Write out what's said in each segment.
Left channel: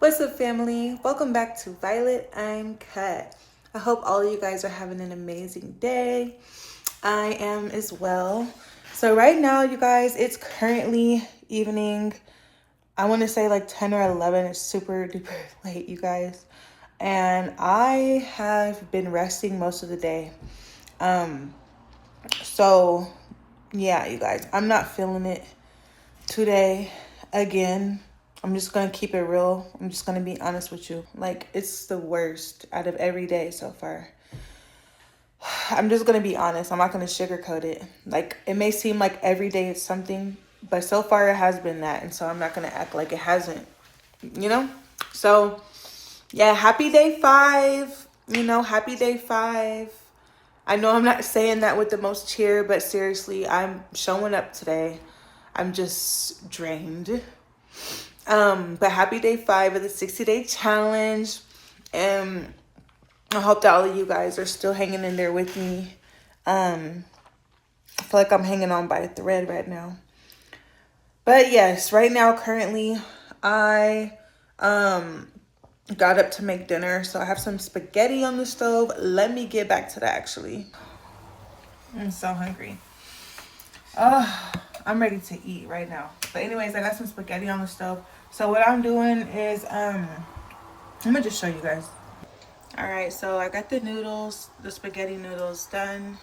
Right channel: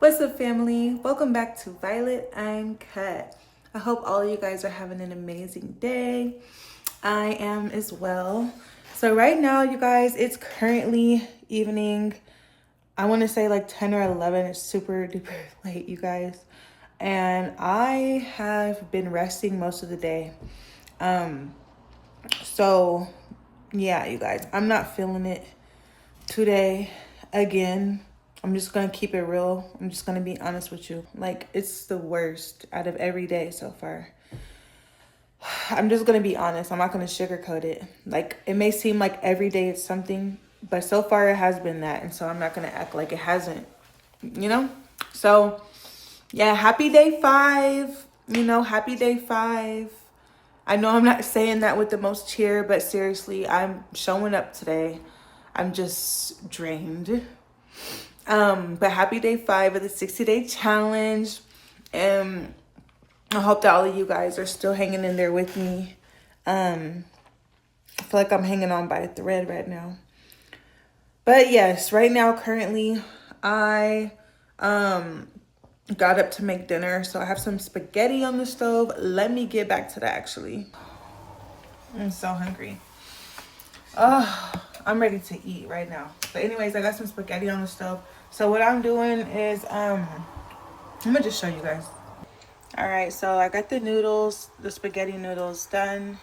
What's up, family? Welcome back to Violet Uncut. I hope all of you guys are having an amazing day. I am as well. So, right now, you guys, it's currently evening. I want to say like 10 or 11. It's super duper late, you guys. And I have been resting most of the day. So, yeah, you guys, I'm not feeling it today again. I'm just gonna keep it real. I'm just gonna be honest with you. Like, it's the worst out of every day so far. I'm just gonna be honest. I'm not gonna sugarcoat it. Like, it may seem like every day it's something, but so far it has been that. And so I'm not gonna act like it hasn't, you know? So, yeah, happy day 5. Happy day 5. I know I'm not saying that with the most cheer, but seriously, I'm showing up today. I'm just drained. But happy day 5 of the 60-day challenge. And I hope that all of you guys are still hanging in there with me. I feel like I'm hanging on by a thread right now. But yes, right now, currently, I got up to make dinner. So I have some spaghetti on the stove. Let me get back to that, actually. I'm so hungry. I'm ready to eat right now. But anyways, I got some spaghetti on the stove. So what I'm doing is, I'm gonna just show you guys. All right, so I got the noodles, the spaghetti noodles done.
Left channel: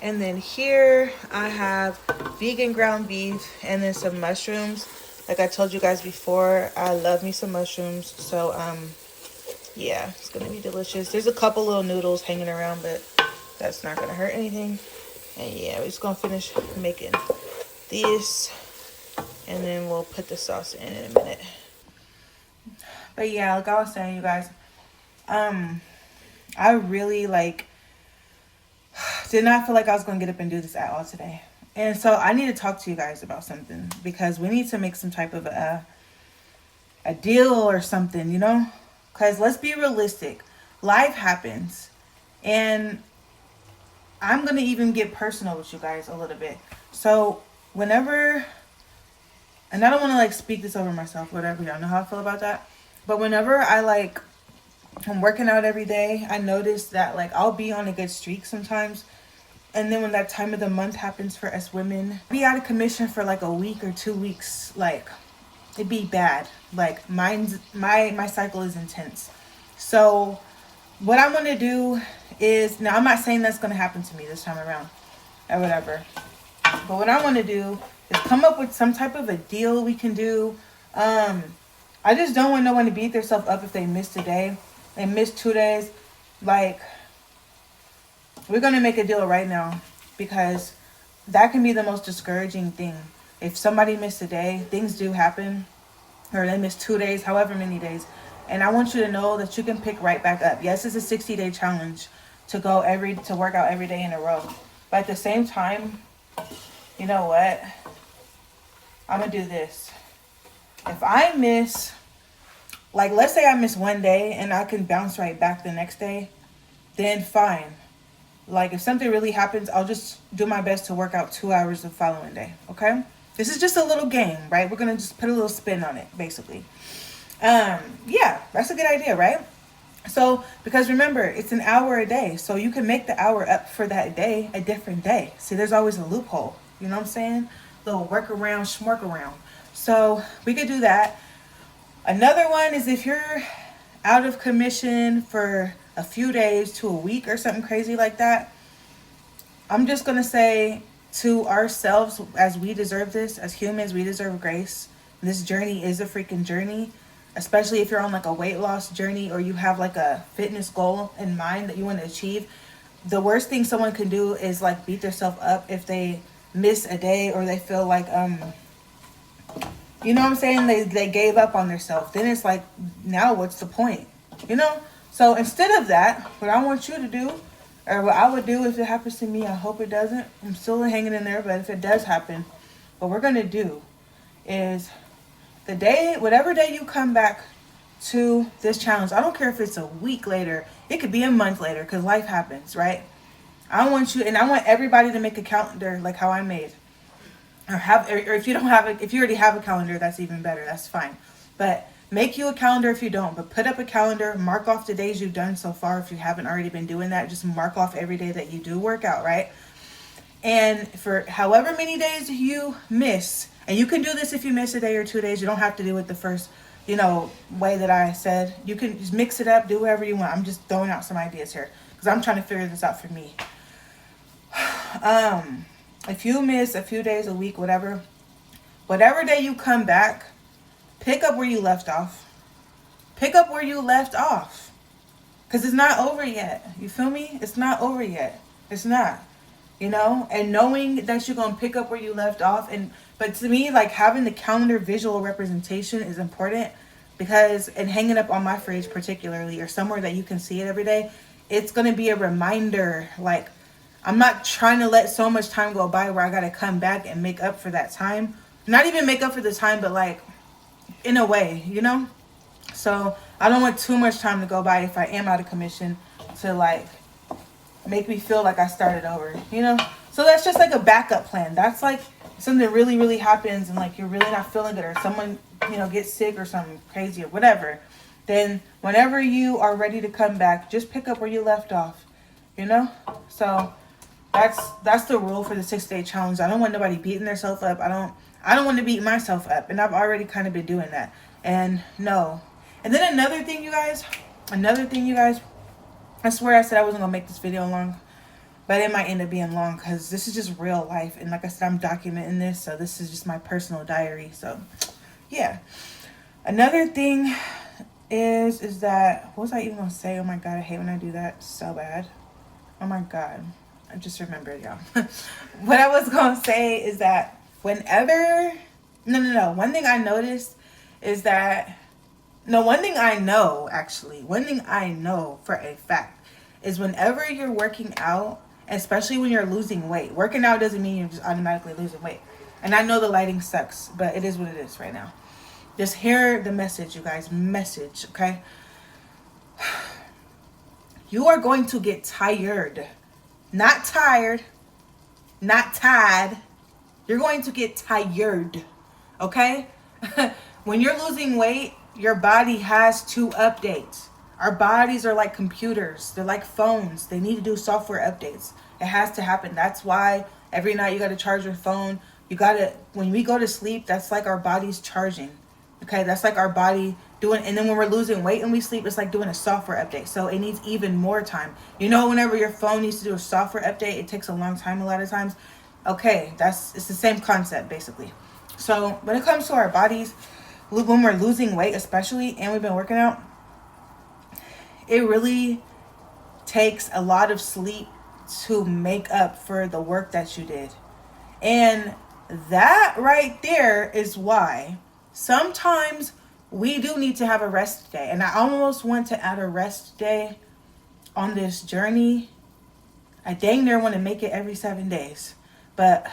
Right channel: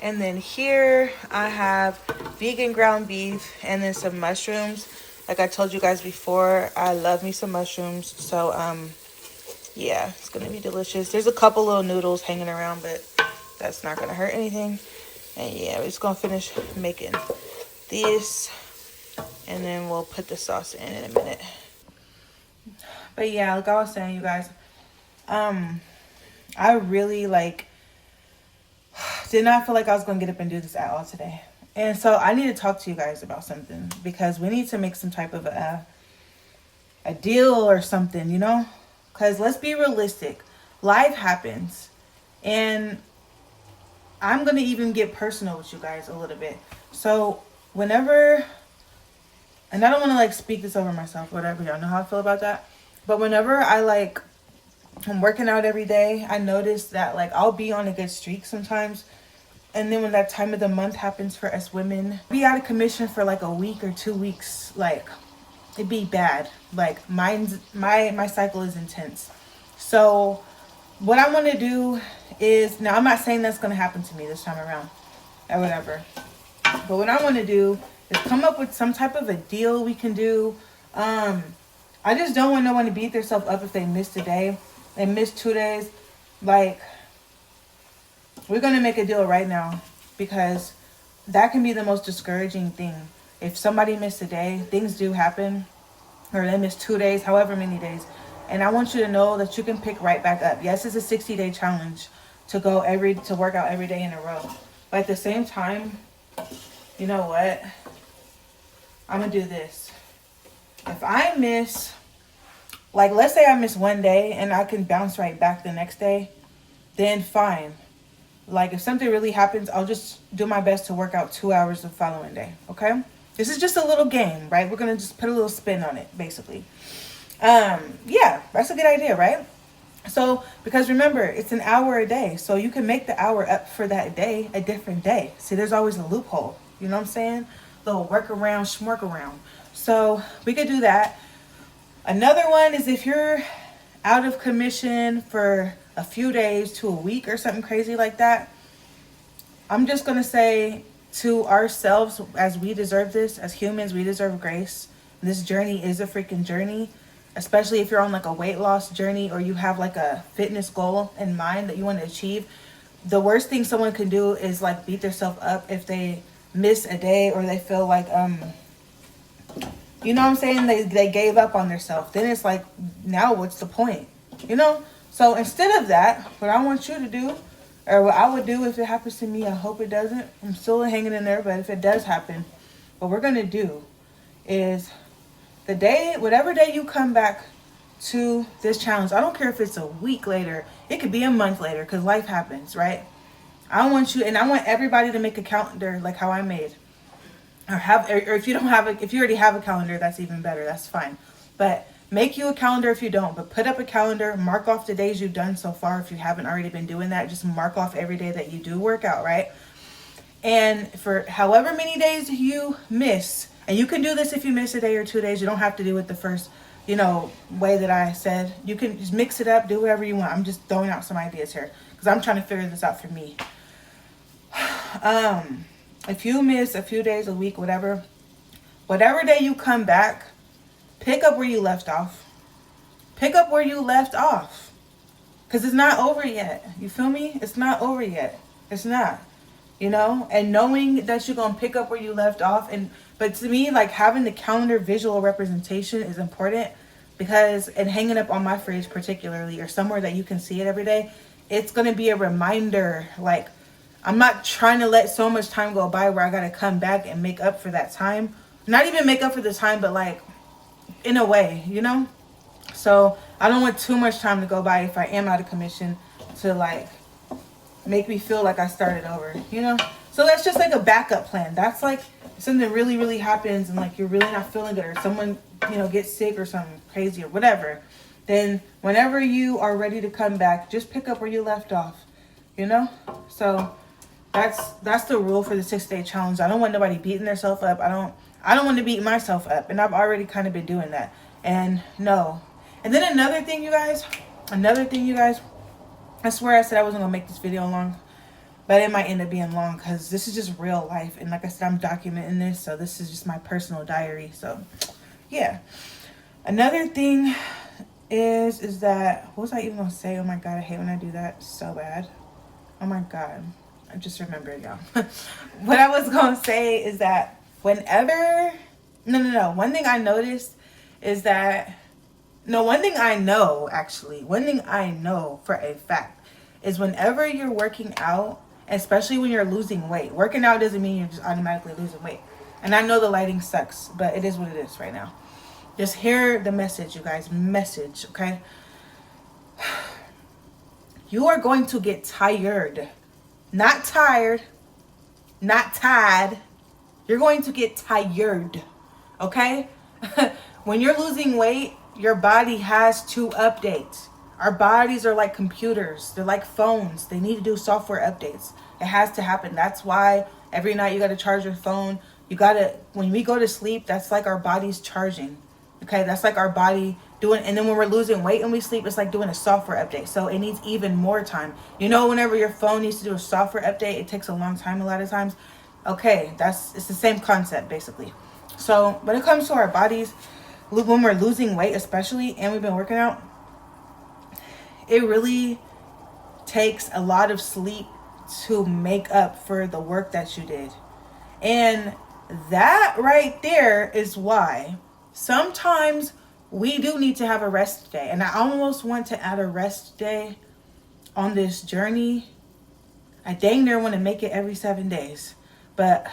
And then here I have vegan ground beef and then some mushrooms. Like I told you guys before, I love me some mushrooms. So, yeah, it's gonna be delicious. There's a couple little noodles hanging around, but that's not gonna hurt anything. And yeah, we're just gonna finish making these and then we'll put the sauce in a minute. But yeah, like I was saying, you guys, I really did not feel like I was gonna get up and do this at all today. And so I need to talk to you guys about something because we need to make some type of a deal or something, because let's be realistic. Life happens, and I'm gonna even get personal with you guys a little bit. So whenever, and I don't want to speak this over myself, whatever, y'all know how I feel about that. But whenever I'm working out every day, I notice that I'll be on a good streak sometimes. And then when that time of the month happens for us women, be out of commission for a week or 2 weeks, it'd be bad. My cycle is intense. So what I want to do is, now I'm not saying that's going to happen to me this time around or whatever. But what I want to do is come up with some type of a deal we can do. I just don't want no one to beat themselves up if they missed a day. They missed 2 days. We're going to make a deal right now because that can be the most discouraging thing. If somebody missed a day, things do happen, or they missed 2 days, however many days. And I want you to know that you can pick right back up. Yes, it's a 60-day challenge to work out every day in a row. But at the same time, you know what? I'm going to do this. If I miss, let's say I miss 1 day and I can bounce right back the next day, then fine. If something really happens, I'll just do my best to work out 2 hours the following day, okay? This is just a little game, right? We're going to just put a little spin on it, basically. Yeah, that's a good idea, right? So, because remember, it's an hour a day. So you can make the hour up for that day a different day. See, there's always a loophole. You know what I'm saying? Little workaround, schmork around. So we could do that. Another one is if you're out of commission for a few days to a week or something crazy like that, I'm just going to say to ourselves, as we deserve this, as humans, we deserve grace. This journey is a freaking journey, especially if you're on a weight loss journey or you have a fitness goal in mind that you want to achieve. The worst thing someone can do is beat themselves up if they miss a day or they feel you know what I'm saying? They gave up on themselves. Then it's now what's the point? So instead of that, what I want you to do, or what I would do if it happens to me, I hope it doesn't. I'm still hanging in there, but if it does happen, what we're going to do is whatever day you come back to this challenge, I don't care if it's a week later, it could be a month later, because life happens, right? I want everybody to make a calendar like how I made. Or if you don't have if you already have a calendar, that's even better. That's fine. But Make you a calendar if you don't, but put up a calendar, mark off the days you've done so far. If you haven't already been doing that, just mark off every day that you do work out, right? And for however many days you miss, and you can do this if you miss a day or 2 days, you don't have to do it the first, way that I said. You can just mix it up, do whatever you want. I'm just throwing out some ideas here because I'm trying to figure this out for me. If you miss a few days, a week, whatever day you come back, pick up where you left off. Pick up where you left off. Because it's not over yet. You feel me? It's not over yet. It's not. And knowing that you're going to pick up where you left off. But to me, like, having the calendar visual representation is important because, and hanging up on my fridge particularly, or somewhere that you can see it every day, it's going to be a reminder. Like, I'm not trying to let so much time go by where I got to come back and make up for that time. Not even make up for the time, but like, in a way, So I don't want too much time to go by if I am out of commission to like make me feel like I started over, So that's just like a backup plan. That's like something really, really happens and like you're really not feeling good, or someone, gets sick or something crazy or whatever. Then whenever you are ready to come back, just pick up where you left off, So that's the rule for the 6-day challenge. I don't want nobody beating themselves up. I don't want to beat myself up, and I've already kind of been doing that. And no. And then another thing, you guys, I swear I said I wasn't going to make this video long, but it might end up being long because this is just real life. And like I said, I'm documenting this, so this is just my personal diary. So, yeah. Another thing is that, what was I even going to say? Oh, my God, I hate when I do that so bad. Oh, my God. I just remembered, y'all. What I was going to say is that one thing I noticed is that, one thing I know for a fact is whenever you're working out, especially when you're losing weight, working out doesn't mean you're just automatically losing weight. And I know the lighting sucks, but it is what it is right now. Just hear the message, you guys. Message, okay? You are going to get tired. Not tired. Not tired. You're going to get tired, okay? When you're losing weight, your body has to update. Our bodies are like computers. They're like phones. They need to do software updates. It has to happen. That's why every night you got to charge your phone. When we go to sleep, that's like our body's charging, okay? That's like our body doing, and then when we're losing weight and we sleep, it's like doing a software update. So it needs even more time. Whenever your phone needs to do a software update, it takes a long time a lot of times. Okay, it's the same concept basically. So when it comes to our bodies, when we're losing weight especially, and we've been working out, it really takes a lot of sleep to make up for the work that you did. And that right there is why sometimes we do need to have a rest day. And I almost want to add a rest day on this journey. I dang near want to make it every 7 days. But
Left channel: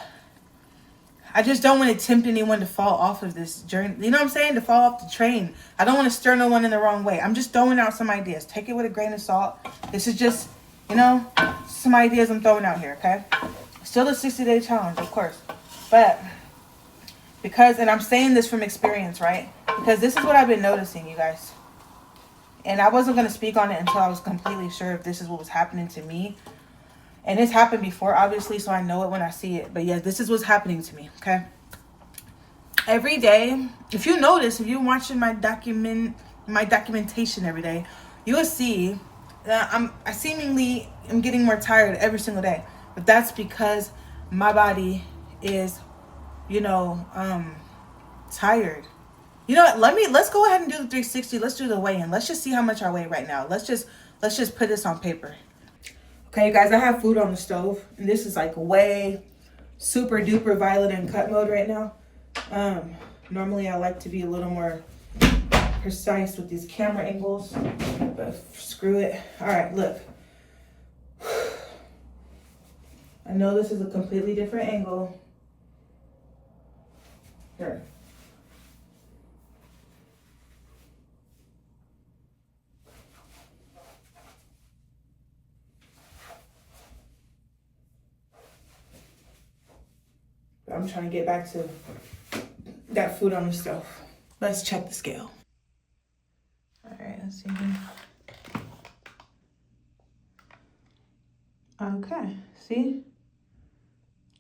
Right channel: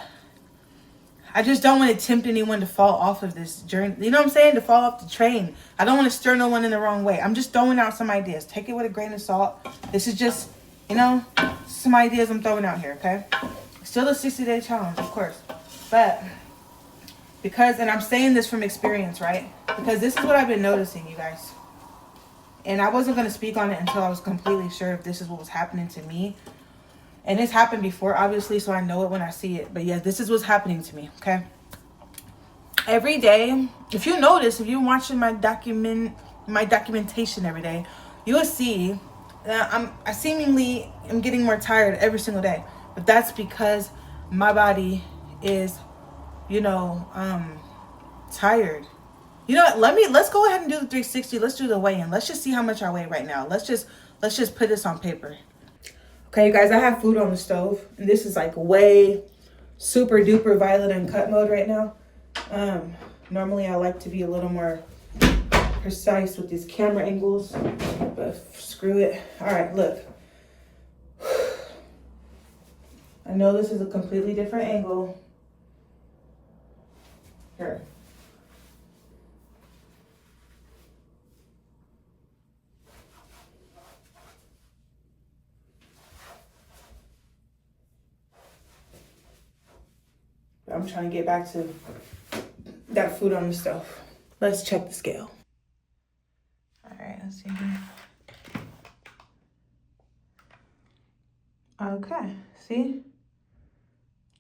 I just don't want to tempt anyone to fall off of this journey. You know what I'm saying? To fall off the train. I don't want to stir no one in the wrong way. I'm just throwing out some ideas. Take it with a grain of salt. This is just, some ideas I'm throwing out here, okay? Still a 60-day challenge, of course. But and I'm saying this from experience, right? Because this is what I've been noticing, you guys. And I wasn't going to speak on it until I was completely sure if this is what was happening to me. And it's happened before, obviously, so I know it when I see it. But yeah, this is what's happening to me, okay? Every day, if you notice, if you're watching my documentation every day, you will see that I seemingly am getting more tired every single day. But that's because my body is, tired. You know what? Let's go ahead and do the 360. Let's do the weigh-in. Let's just see how much I weigh right now. Let's just put this on paper. Okay, you guys, I have food on the stove, and this is like way super duper violet uncut mode right now. Normally I like to be a little more precise with these camera angles, but screw it. All right, look. I know this is a completely different angle. Here. I'm trying to get back to got food on the stove. Let's check the scale. Let's see here. Okay, see?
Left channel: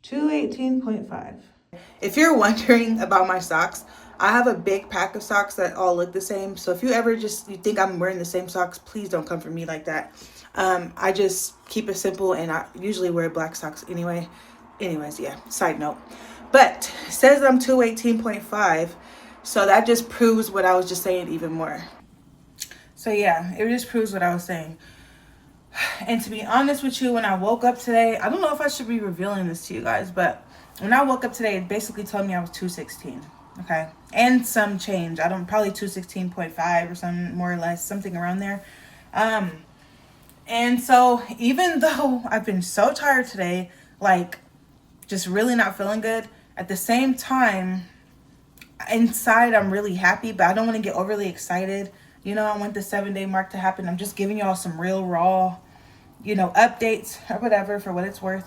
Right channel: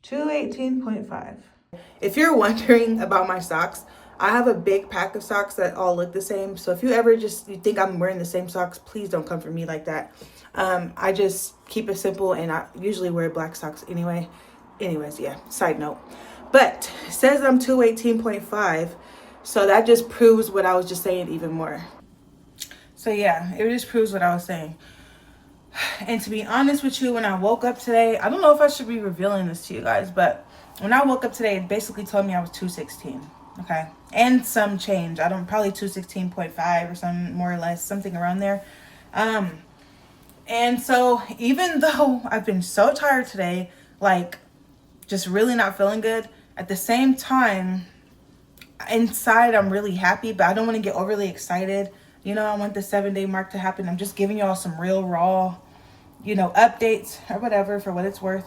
218.5. If you're wondering about my socks, I have a big pack of socks that all look the same. So if you ever you think I'm wearing the same socks, please don't come for me like that. I just keep it simple, and I usually wear black socks anyway. Anyways, yeah, side note. But it says I'm 218.5, so that just proves what I was just saying even more. So yeah, it just proves what I was saying. And to be honest with you, when I woke up today, I don't know if I should be revealing this to you guys, but when I woke up today, it basically told me I was 216, okay? And some change. Probably 216.5 or some, more or less, something around there. And so even though I've been so tired today, like just really not feeling good, at the same time, inside I'm really happy, but I don't want to get overly excited. You know, I want the 7-day mark to happen. I'm just giving y'all some real raw, you know, updates or whatever for what it's worth.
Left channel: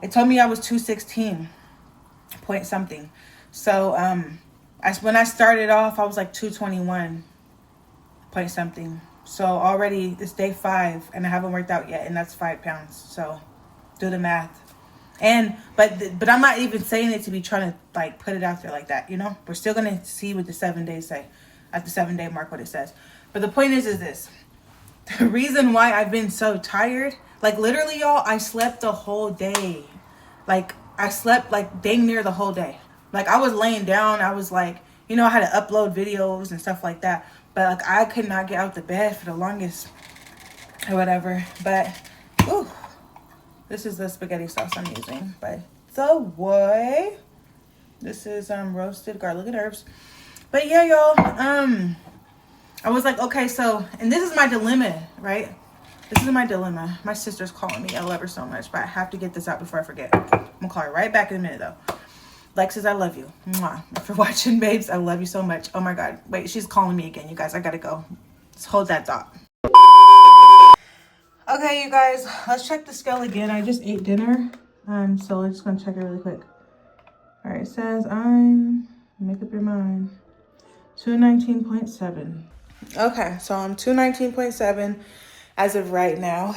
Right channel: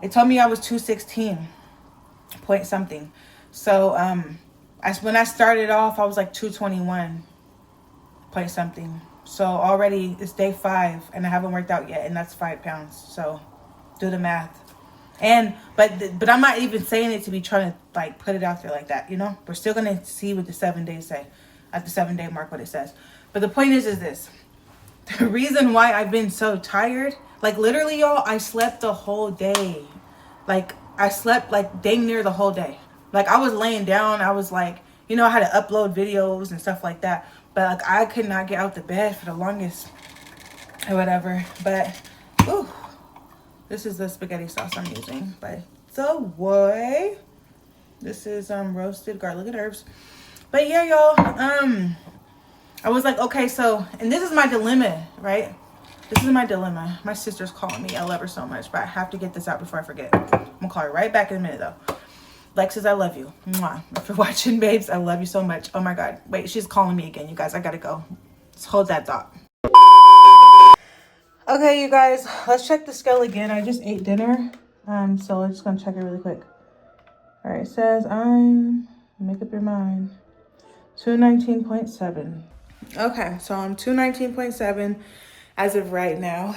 It told me I was 216 point something. So when I started off, I was like 221 point something. So already it's day 5 and I haven't worked out yet, and that's 5 pounds. So do the math. And but I'm not even saying it to be trying to like put it out there like that, you know. We're still gonna see what the 7 days say at the 7-day mark, what it says. But the point is this: the reason why I've been so tired, like literally, y'all, I slept the whole day. Like I slept like dang near the whole day. Like I was laying down, I was like, you know, I had to upload videos and stuff like that. But like I could not get out the bed for the longest or whatever. But ooh, this is the spaghetti sauce I'm using, by the way. This is roasted garlic and herbs. But yeah, y'all, I was like, okay, so, and this is my dilemma, right? This is my dilemma. My sister's calling me. I love her so much, but I have to get this out before I forget. I'm gonna call her right back in a minute, though. Lexus, I love you. Mwah. If you're watching, babes, I love you so much. Oh my God. Wait, she's calling me again, you guys. I gotta go. Just hold that thought. Okay, you guys, let's check the scale again. I just ate dinner, so we're just gonna check it really quick. All right, it says make up your mind, 219.7. Okay, so I'm 219.7 as of right now.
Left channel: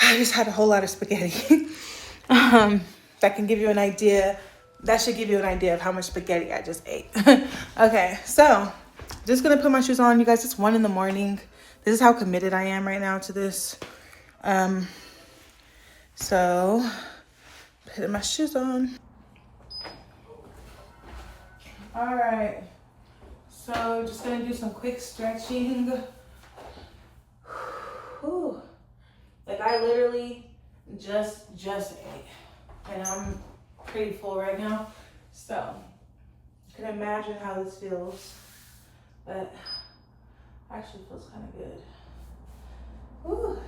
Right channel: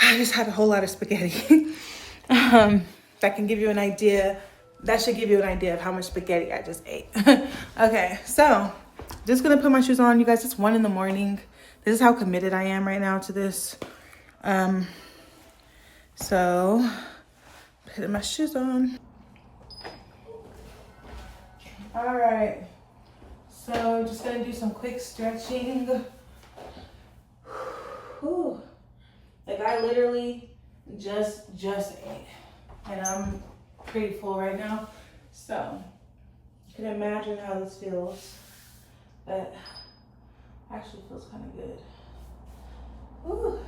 I just had a whole lot of spaghetti. That can give you an idea. That should give you an idea of how much spaghetti I just ate. Okay, so just gonna put my shoes on, you guys. It's 1 a.m. This is how committed I am right now to this. So putting my shoes on. All right. So just gonna do some quick stretching. Whew. Like I literally just ate, and I'm pretty full right now. So you can imagine how this feels, but actually feels kind of good. Whew.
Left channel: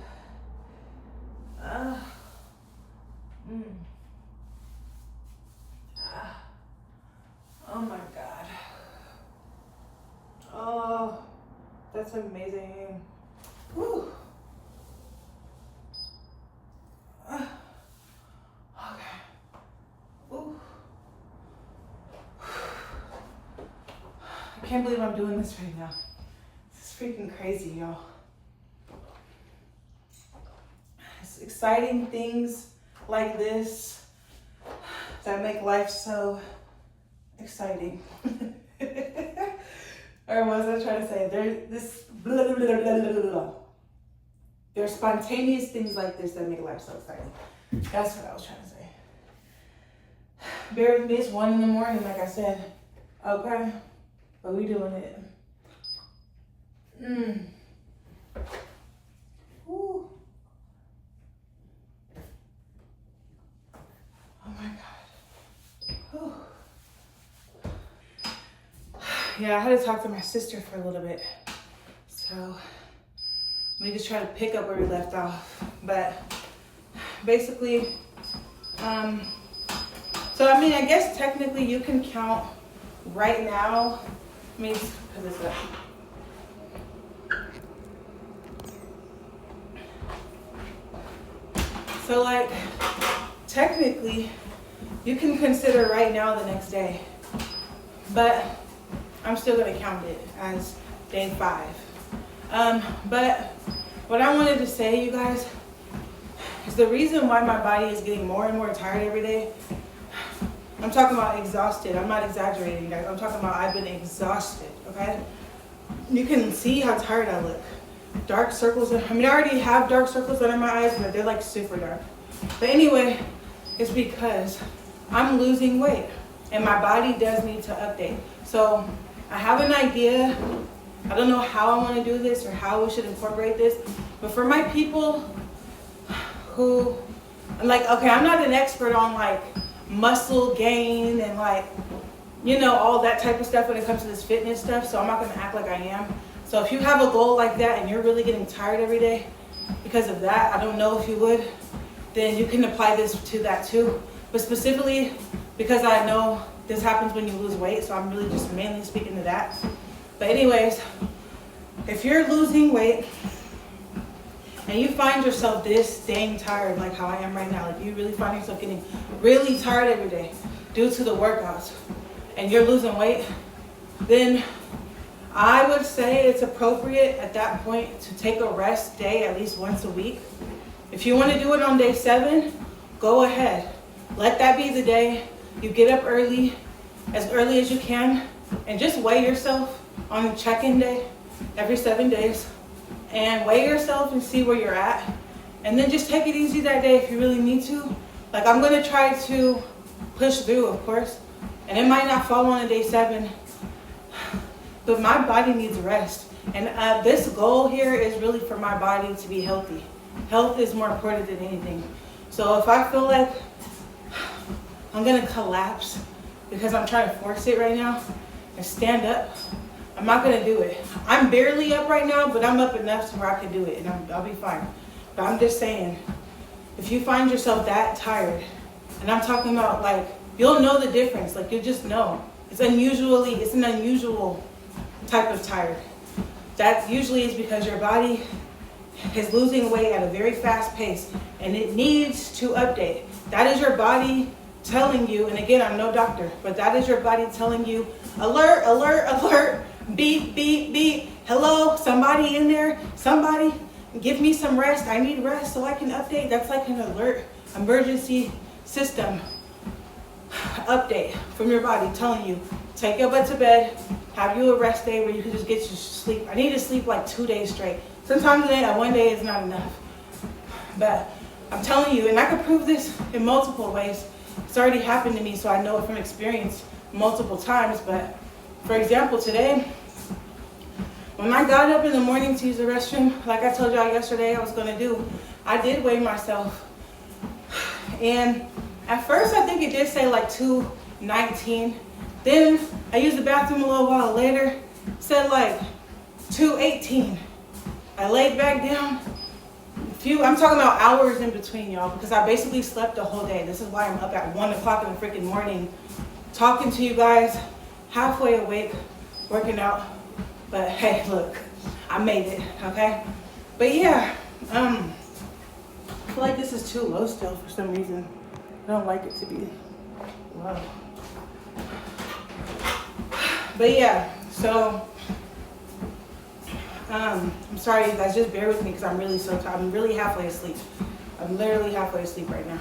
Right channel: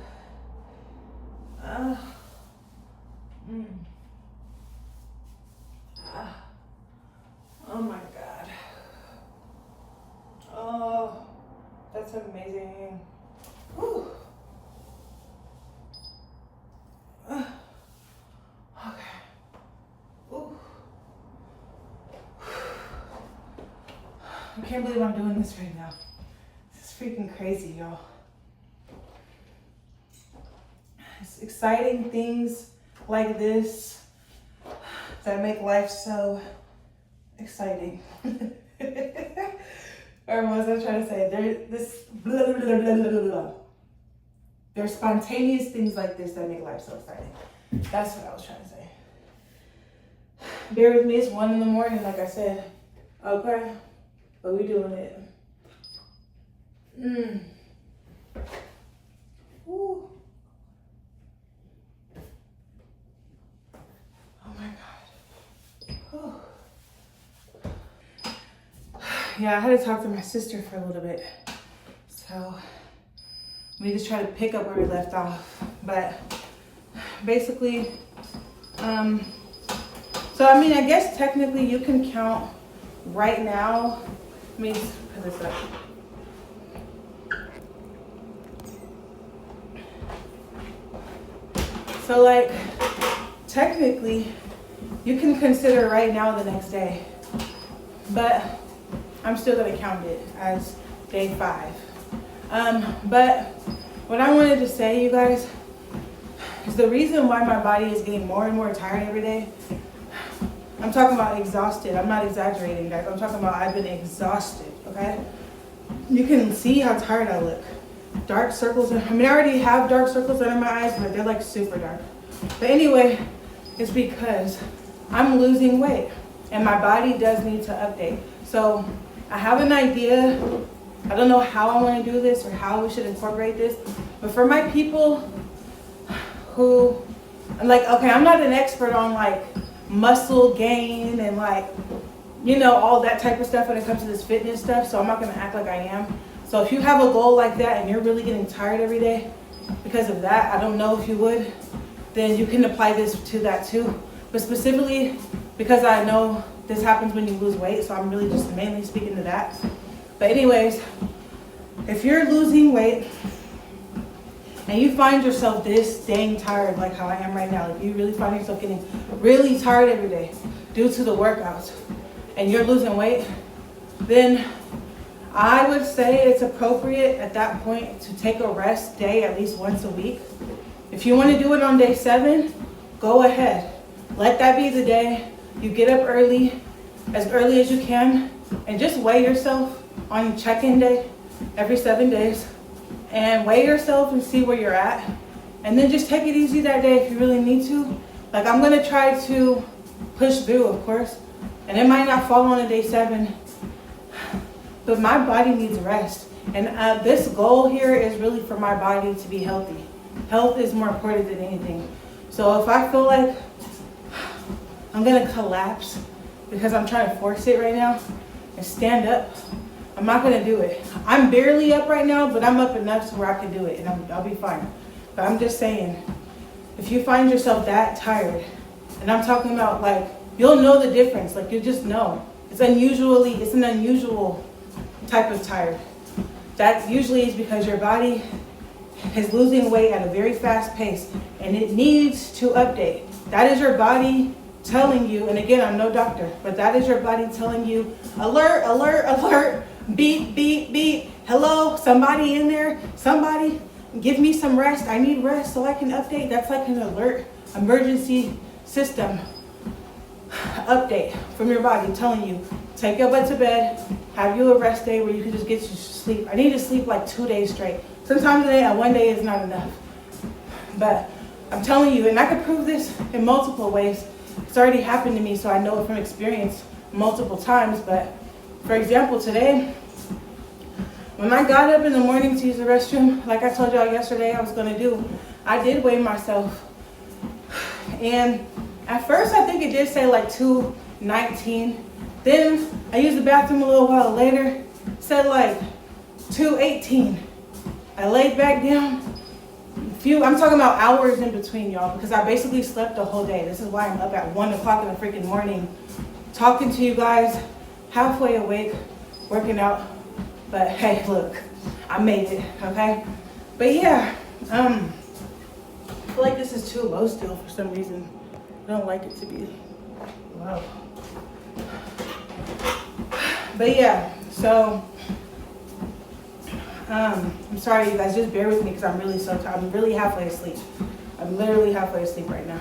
Oh my God. Oh, that's amazing. Whew. Okay. Ooh. I can't believe I'm doing this right now. This is freaking crazy, y'all. It's exciting things like this that make life so exciting. Or what was I trying to say? There's spontaneous things like this that make life so exciting. That's what I was trying to say. Bear with me, it's 1 a.m, like I said. Okay, but we doing it. Ooh. Oh my God. Whew. Yeah, I had to talk to my sister for a little bit. So we just try to pick up where we left off. But basically, so I mean, I guess technically you can count right now. Let me just put this up. So like, technically, you can consider right now the next day. But I'm still gonna count it as day 5. But what I wanted to say, you guys, is the reason why my body is getting more and more tired every day. I'm talking about exhausted. I'm not exaggerating, guys. I'm talking about I've been exhausted, okay? You can see how tired I look. Dark circles. I mean, I already have dark circles under my eyes, but they're like super dark. But anyway, it's because I'm losing weight and my body does need to update. So I have an idea. I don't know how I want to do this or how we should incorporate this, but for my people who, I'm like, okay, I'm not an expert on like muscle gain and like, you know, all that type of stuff when it comes to this fitness stuff. So I'm not going to act like I am. So if you have a goal like that and you're really getting tired every day because of that, I don't know if you would, then you can apply this to that too. But specifically because I know this happens when you lose weight, so I'm really just mainly speaking to that. But anyways, if you're losing weight and you find yourself this dang tired like how I am right now, if you really find yourself getting really tired every day due to the workouts and you're losing weight, then I would say it's appropriate at that point to take a rest day at least once a week. If you want to do it on day 7, go ahead. Let that be the day you get up early as you can, and just weigh yourself on check-in day every 7 days, and weigh yourself and see where you're at. And then just take it easy that day if you really need to. Like, I'm going to try to push through, of course, and it might not fall on a day 7, but my body needs rest. And this goal here is really for my body to be healthy. Health is more important than anything. So if I feel like I'm gonna collapse because I'm trying to force it right now and stand up, I'm not gonna do it. I'm barely up right now, but I'm up enough to where I can do it, and I'll be fine. But I'm just saying, if you find yourself that tired, and I'm talking about like, you'll know the difference. Like, you'll just know. It's an unusual type of tired. That usually is because your body is losing weight at a very fast pace and it needs to update. That is your body telling you, and again, I'm no doctor, but that is your body telling you, alert, alert, alert, beep, beep, beep. Hello, somebody in there, somebody give me some rest. I need rest so I can update. That's like an alert emergency system update from your body telling you, take your butt to bed, have you a rest day where you can just get your sleep. I need to sleep like 2 days straight. Sometimes one day is not enough. But I'm telling you, and I can prove this in multiple ways. It's already happened to me, so I know it from experience multiple times. But for example, today, when I got up in the morning to use the restroom, like I told y'all yesterday I was gonna do, I did weigh myself. And at first, I think it did say like 219. Then I used the bathroom a little while later, said like 218. I laid back down. I'm talking about hours in between, y'all, because I basically slept the whole day. This is why I'm up at 1 o'clock in the freaking morning, talking to you guys, halfway awake, working out. But hey, look, I made it, okay? But yeah, I feel like this is too low still for some reason. I don't like it to be low. But yeah, so I'm sorry, you guys, just bear with me because I'm really so tired. I'm really halfway asleep. I'm literally halfway asleep right now.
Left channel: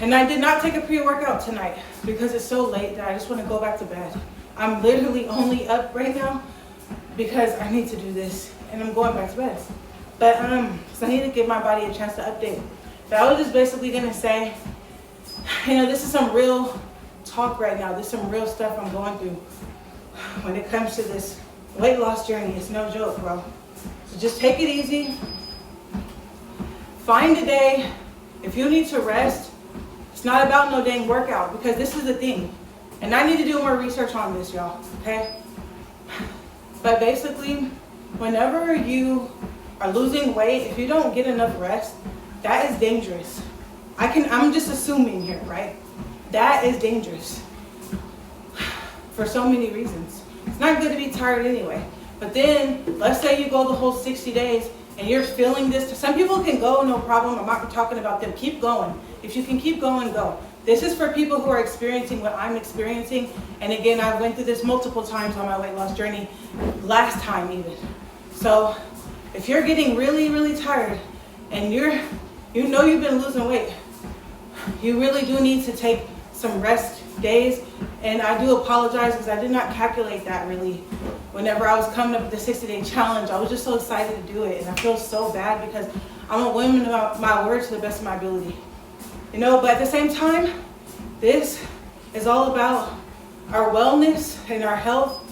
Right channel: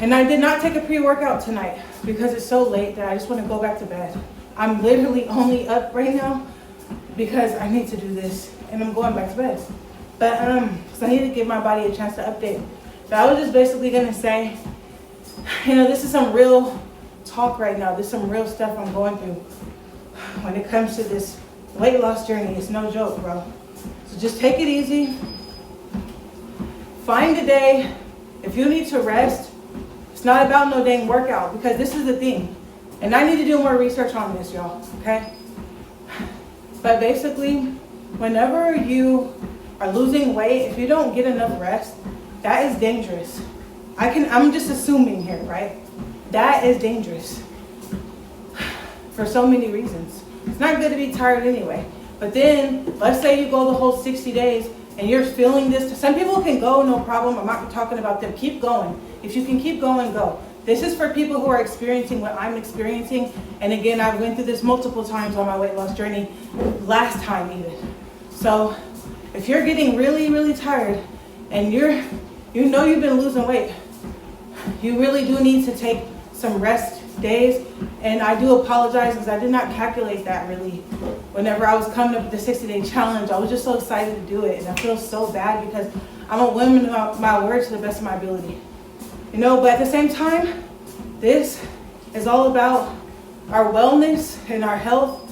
And I did not take a pre-workout tonight because it's so late that I just want to go back to bed. I'm literally only up right now because I need to do this and I'm going back to bed. But so I need to give my body a chance to update. But I was just basically gonna say, you know, this is some real talk right now. This is some real stuff I'm going through when it comes to this weight loss journey. It's no joke, bro. So just take it easy. Find a day. If you need to rest, it's not about no dang workout, because this is the thing. And I need to do more research on this, y'all, okay? But basically, whenever you are losing weight, if you don't get enough rest, that is dangerous. I'm just assuming here, right? That is dangerous for so many reasons. It's not good to be tired anyway. But then, let's say you go the whole 60 days and you're feeling this. Some people can go, no problem. I'm not talking about them. Keep going. If you can keep going, go. This is for people who are experiencing what I'm experiencing. And again, I went through this multiple times on my weight loss journey, last time even. So if you're getting really, really tired and you know you've been losing weight, you really do need to take some rest days. And I do apologize because I did not calculate that really. Whenever I was coming up with the 60-day challenge, I was just so excited to do it. And I feel so bad because I'm a woman of my word to the best of my ability. But at the same time, this is all about our wellness and our health,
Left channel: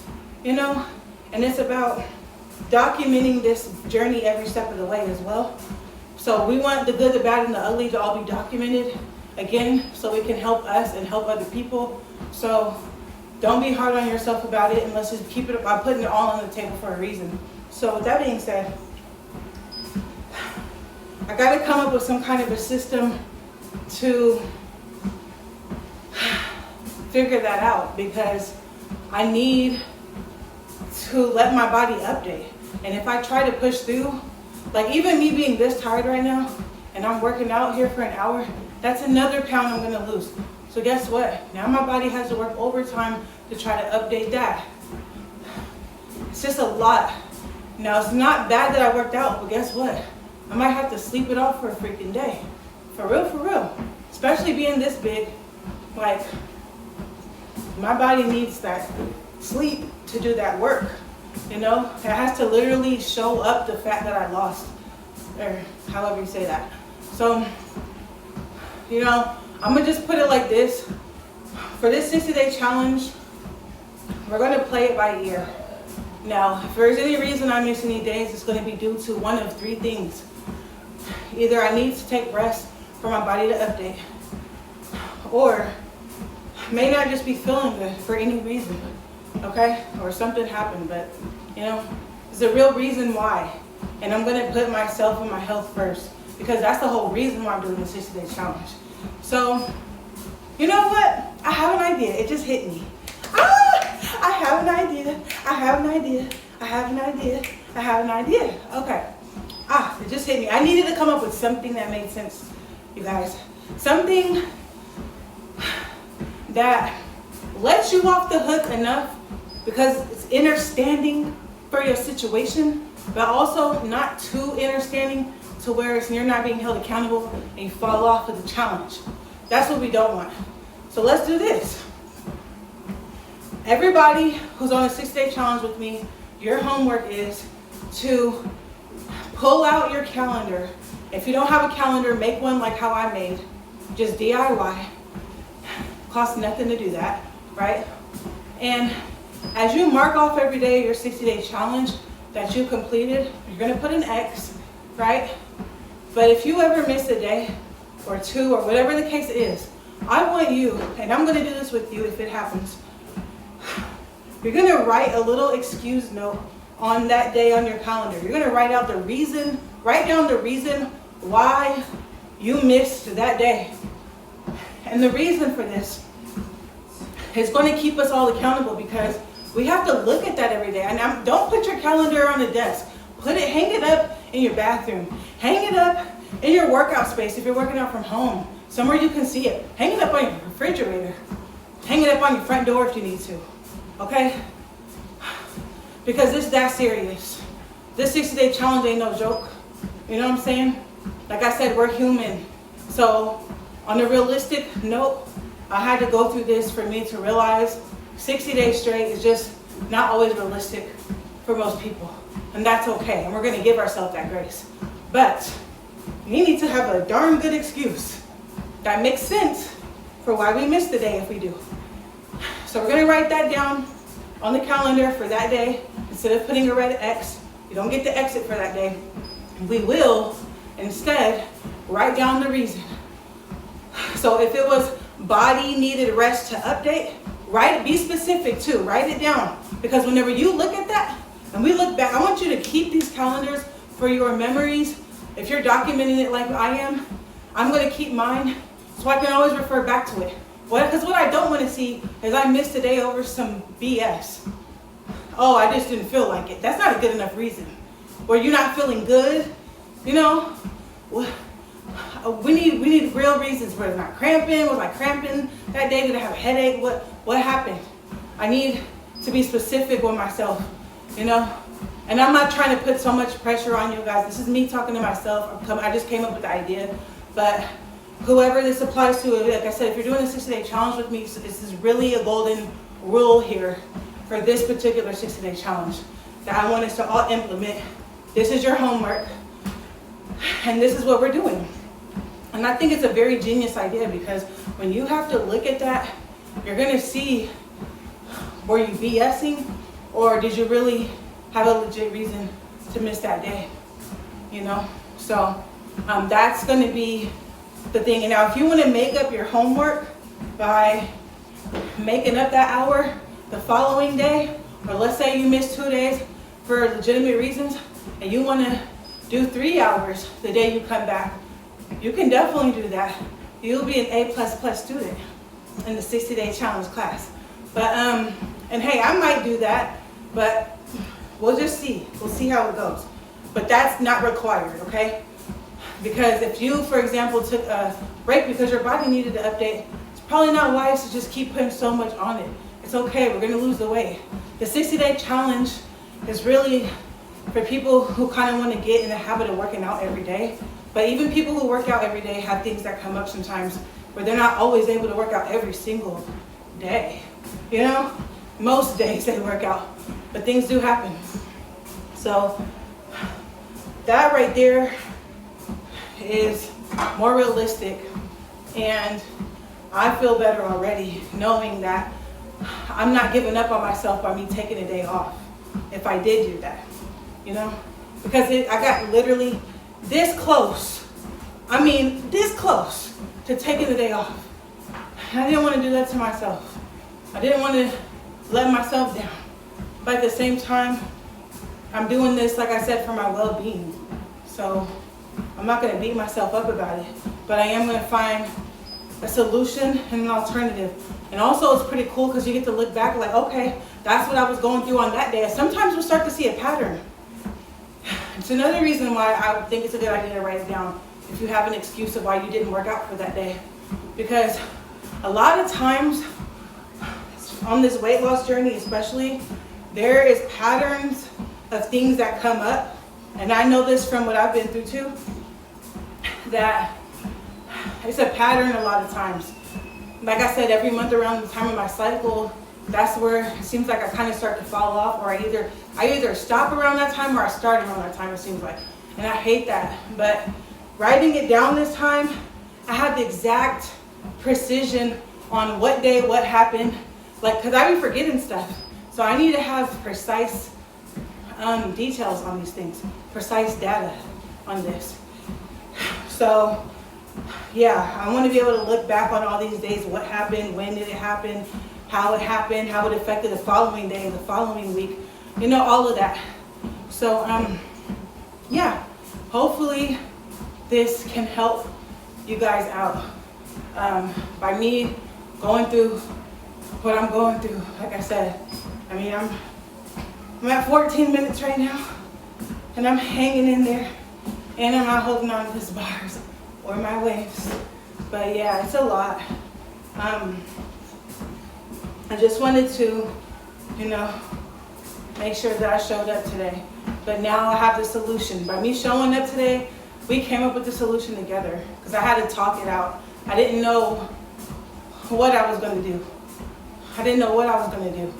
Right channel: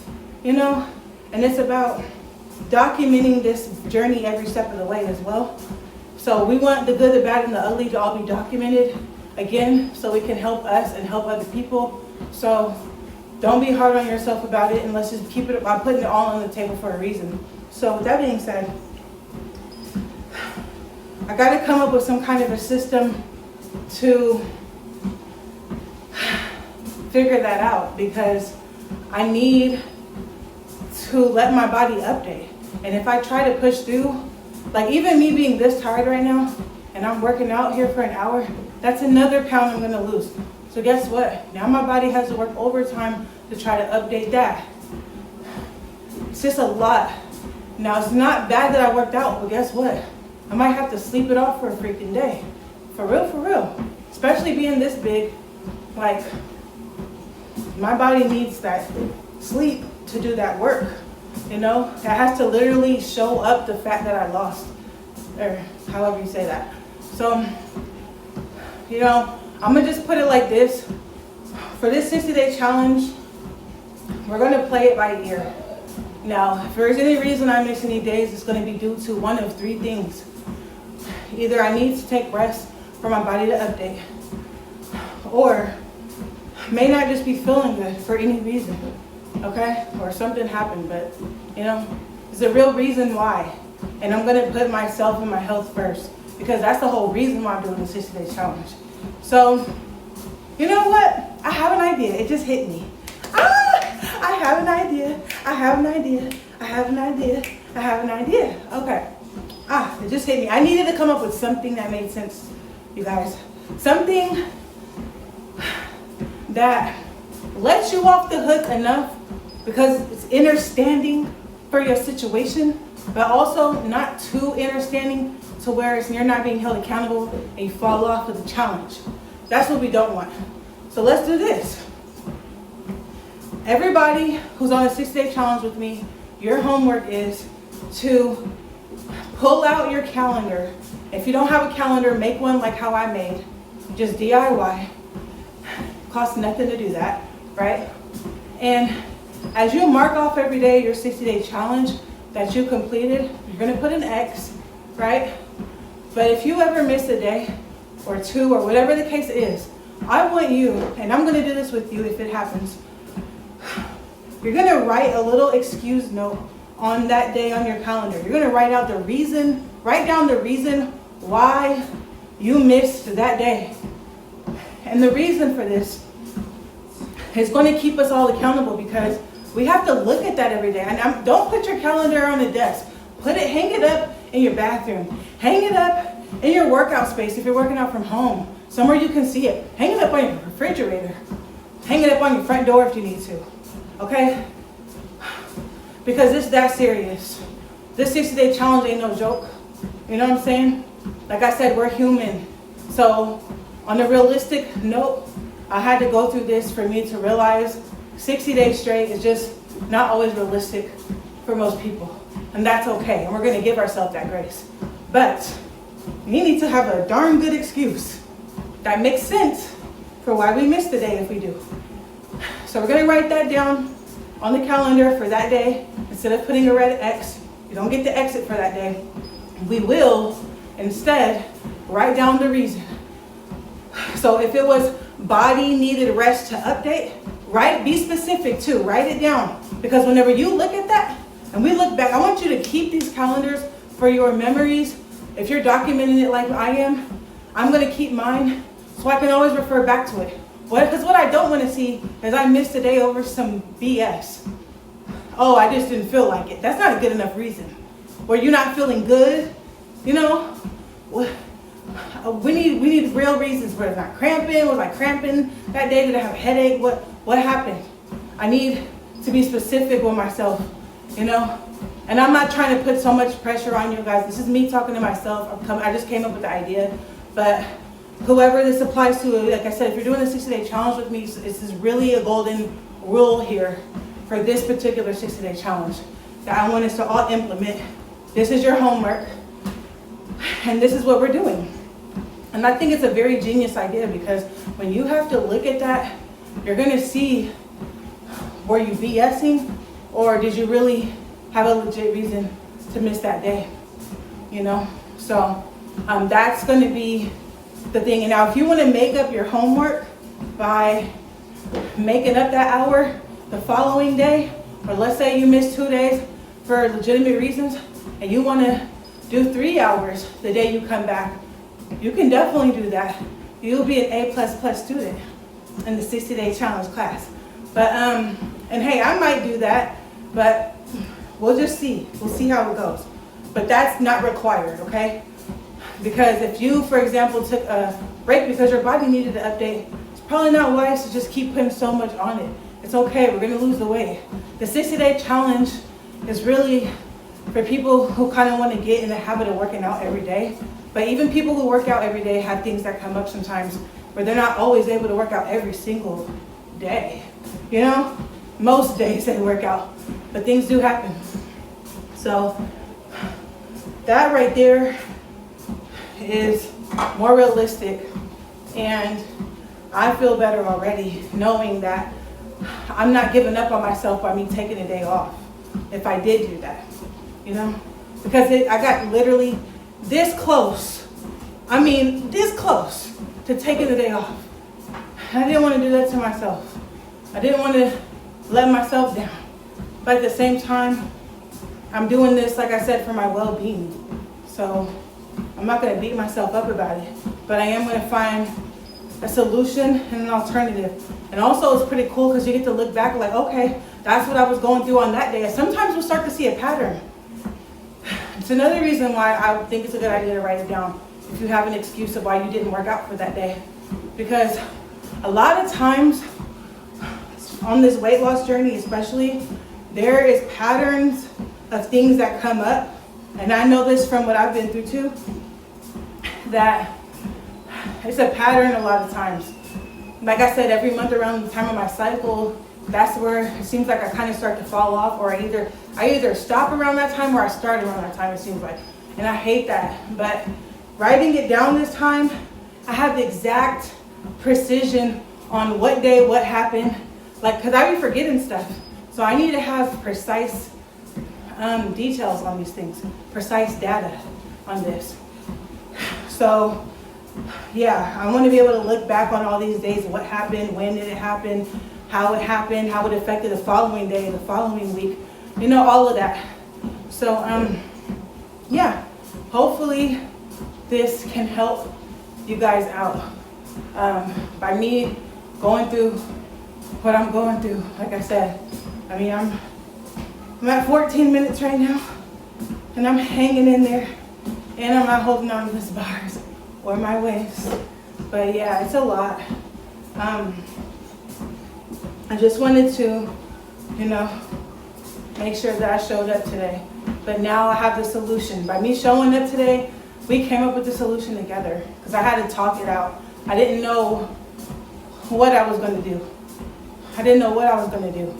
and it's about documenting this journey every step of the way as well. So we want the good, the bad, and the ugly to all be documented, again, so we can help us and help other people. So don't be hard on yourself about it, and let's just keep it, I'm putting it all on the table for a reason. So with that being said, I got to come up with some kind of a system to figure that out, because I need to let my body update. And if I try to push through, like even me being this tired right now, and I'm working out here for an hour, that's another pound I'm gonna lose. So guess what? Now my body has to work overtime to try to update that. It's just a lot. Now it's not bad that I worked out, but guess what? I might have to sleep it off for a freaking day. For real. Especially being this big, like my body needs that sleep to do that work. It has to literally show up the fat that I lost, or however you say that. So, I'm gonna just put it like this. For this 60-day challenge, we're gonna play it by ear. Now, if there's any reason I miss any days, it's gonna be due to one of three things. Either I need to take rest for my body to update, or may not just be feeling good for any reason, okay? Or something happened, but there's a real reason why. And I'm gonna put myself and my health first, because that's the whole reason why I'm doing the 60-day challenge. So, you know what? I have an idea. It just hit me. I have an idea. Okay. It just hit me. I needed to come up with something that made sense, you guys. Something that lets you off the hook enough because it's understanding for your situation, but also not too understanding to where you're not being held accountable and you fall off of the challenge. That's what we don't want. So let's do this. Everybody who's on a 60-day challenge with me, your homework is to pull out your calendar. If you don't have a calendar, make one like how I made. Just DIY. Costs nothing to do that, right? And as you mark off every day your 60-day challenge that you completed, you're gonna put an X, right? But if you ever miss a day or two or whatever the case is, I want you, and I'm gonna do this with you if it happens, you're gonna write a little excuse note on that day on your calendar. You're gonna write down the reason why you missed that day. And the reason for this is going to keep us all accountable, because we have to look at that every day. And don't put your calendar on the desk. Hang it up in your bathroom. Hang it up in your workout space if you're working out from home, somewhere you can see it. Hang it up on your refrigerator. Hang it up on your front door if you need to, okay? Because it's that serious. This 60-day challenge ain't no joke. You know what I'm saying? Like I said, we're human. So on a realistic note, I had to go through this for me to realize 60 days straight is just not always realistic for most people. And that's okay. And we're going to give ourselves that grace. But we need to have a darn good excuse that makes sense for why we missed the day if we do. So we're going to write that down on the calendar for that day. Instead of putting a red X, you don't get to exit for that day. We will instead write down the reason. So if it was body needed rest to update, be specific too, write it down. Because whenever you look at that and we look back, I want you to keep these calendars for your memories. If you're documenting it like I am, I'm gonna keep mine so I can always refer back to it. Because what I don't want to see is I missed a day over some BS. Oh, I just didn't feel like it. That's not a good enough reason. Or you're not feeling good, we need real reasons. Was I cramping? Was I cramping that day? Did I have a headache? What happened? I need to be specific with myself, And And I'm not trying to put so much pressure on you guys. This is me talking to myself. I just came up with the idea. But whoever this applies to, like I said, if you're doing a 60-day challenge with me, this is really a golden rule here for this particular 60-day challenge that I want us to all implement. This is your homework, and this is what we're doing. And I think it's a very genius idea, because when you have to look at that, you're gonna see, were you BSing, or did you really have a legit reason to miss that day, you know? So that's gonna be the thing. And now if you wanna make up your homework by making up that hour the following day, or let's say you missed 2 days for legitimate reasons, and you wanna do 3 hours the day you come back, you can definitely do that. You'll be an A++ student in the 60-day challenge class. But, and hey, I might do that, but we'll just see. We'll see how it goes. But that's not required, okay? Because if you, for example, took a break because your body needed to update, it's probably not wise to just keep putting so much on it. It's okay, we're gonna lose the weight. The 60-day challenge is really for people who kind of want to get in the habit of working out every day. But even people who work out every day have things that come up sometimes where they're not always able to work out every single day. You know, most days they work out, but things do happen. So that right there is more realistic, and I feel better already knowing that I'm not giving up on myself by me taking a day off if I did do that, you know, because I got literally this close, this close to taking the day off. I didn't want to do that to myself. I didn't want to let myself down. But at the same time, I'm doing this, like I said, for my well-being. So I'm not going to beat myself up about it, but I am going to find a solution and an alternative. And also it's pretty cool because you get to look back like, okay, that's what I was going through on that day. And sometimes we'll start to see a pattern. It's another reason why I think it's a good idea to write it down if you have an excuse of why you didn't work out for that day. Because a lot of times on this weight loss journey especially, there is patterns of things that come up. And I know this from what I've been through too, that it's a pattern a lot of times. Like I said, every month around the time of my cycle, that's where it seems like I kind of start to fall off, or I either stop around that time or I start around that time, it seems like. And I hate that. But writing it down this time, I have the exact precision on what day, what happened. Like, because I be forgetting stuff. So I need to have precise details on these things, precise data on this. So yeah, I want to be able to look back on all these days, what happened, when did it happen, how it happened, how it affected the following day, the following week, you know, all of that. So yeah, hopefully this can help you guys out. By me going through what I'm going through, like I said, I'm at 14 minutes right now, and I'm hanging in there, and I'm not holding on to these bars or my waist. But yeah, it's a lot. I just wanted to, you know, make sure that I showed up today. But now I have the solution. By me showing up today, we came up with the solution together, because I had to talk it out. I didn't know what I was going to do. I didn't know what I was going to do.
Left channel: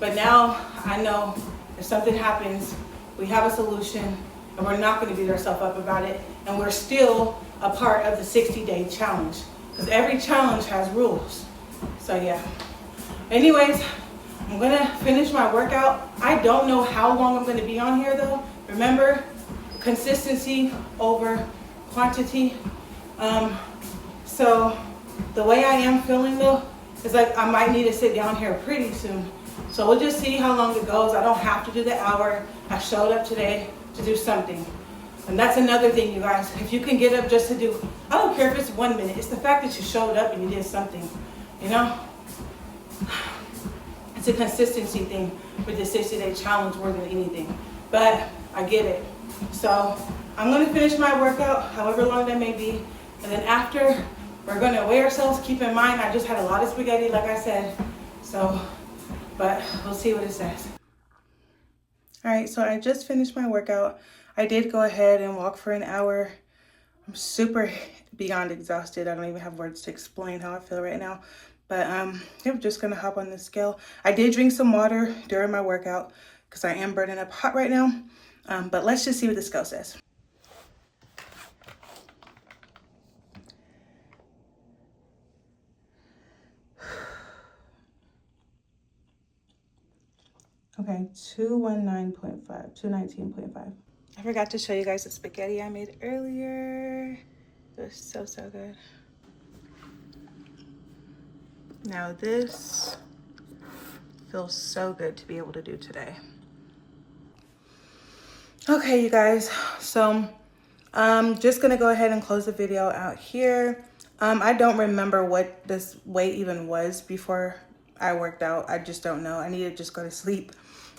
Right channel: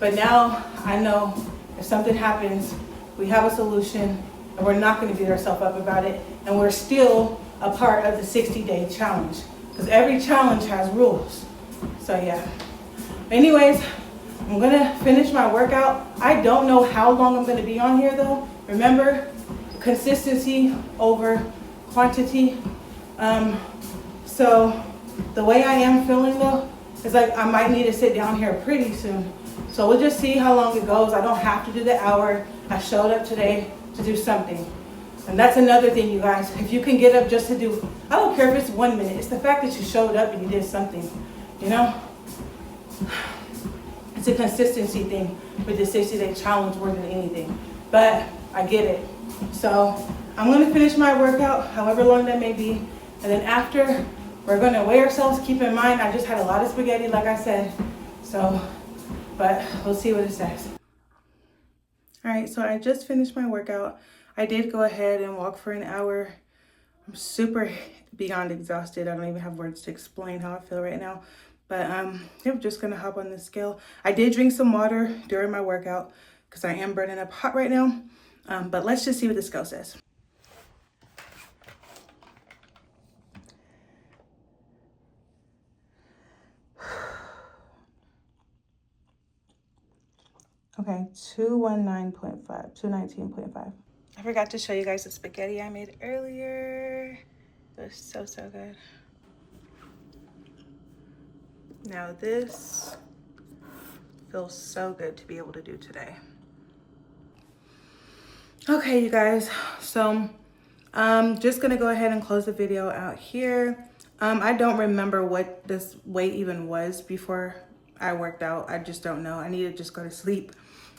But now I know if something happens, we have a solution, and we're not going to beat ourselves up about it. And we're still a part of the 60-day challenge, because every challenge has rules. So yeah. Anyways, I'm going to finish my workout. I don't know how long I'm going to be on here though. Remember, consistency over quantity. So the way I am feeling though, is like I might need to sit down here pretty soon. So we'll just see how long it goes. I don't have to do the hour. I showed up today to do something. And that's another thing, you guys. If you can get up just to do, I don't care if it's 1 minute. It's the fact that you showed up and you did something, you know? It's a consistency thing with the 60-day challenge more than anything. But I get it. So I'm going to finish my workout, however long that may be. And then after, we're going to weigh ourselves. Keep in mind, I just had a lot of spaghetti, like I said. So, but we'll see what it says. All right, so I just finished my workout. I did go ahead and walk for an hour. I'm super beyond exhausted. I don't even have words to explain how I feel right now. But I'm just gonna hop on the scale. I did drink some water during my workout because I am burning up hot right now. But let's just see what the scale says. Okay, 219.5, 219.5. I forgot to show you guys the spaghetti I made earlier. It was so good. Now this feels so good to be able to do today. Okay, you guys, so I'm just gonna go ahead and close the video out here. I don't remember what this weight even was before I worked out. I just don't know. I need to just go to sleep.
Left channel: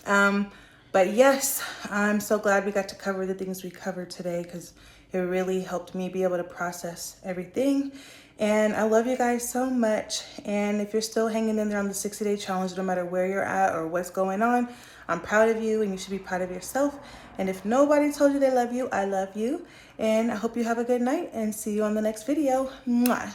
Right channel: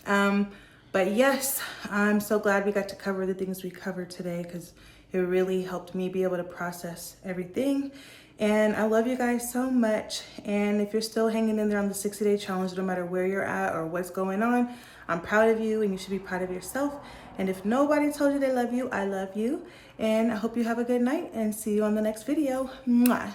But yes, I'm so glad we got to cover the things we covered today because it really helped me be able to process everything. And I love you guys so much. And if you're still hanging in there on the 60-day challenge, no matter where you're at or what's going on, I'm proud of you and you should be proud of yourself. And if nobody told you they love you, I love you. And I hope you have a good night and see you on the next video. Mwah.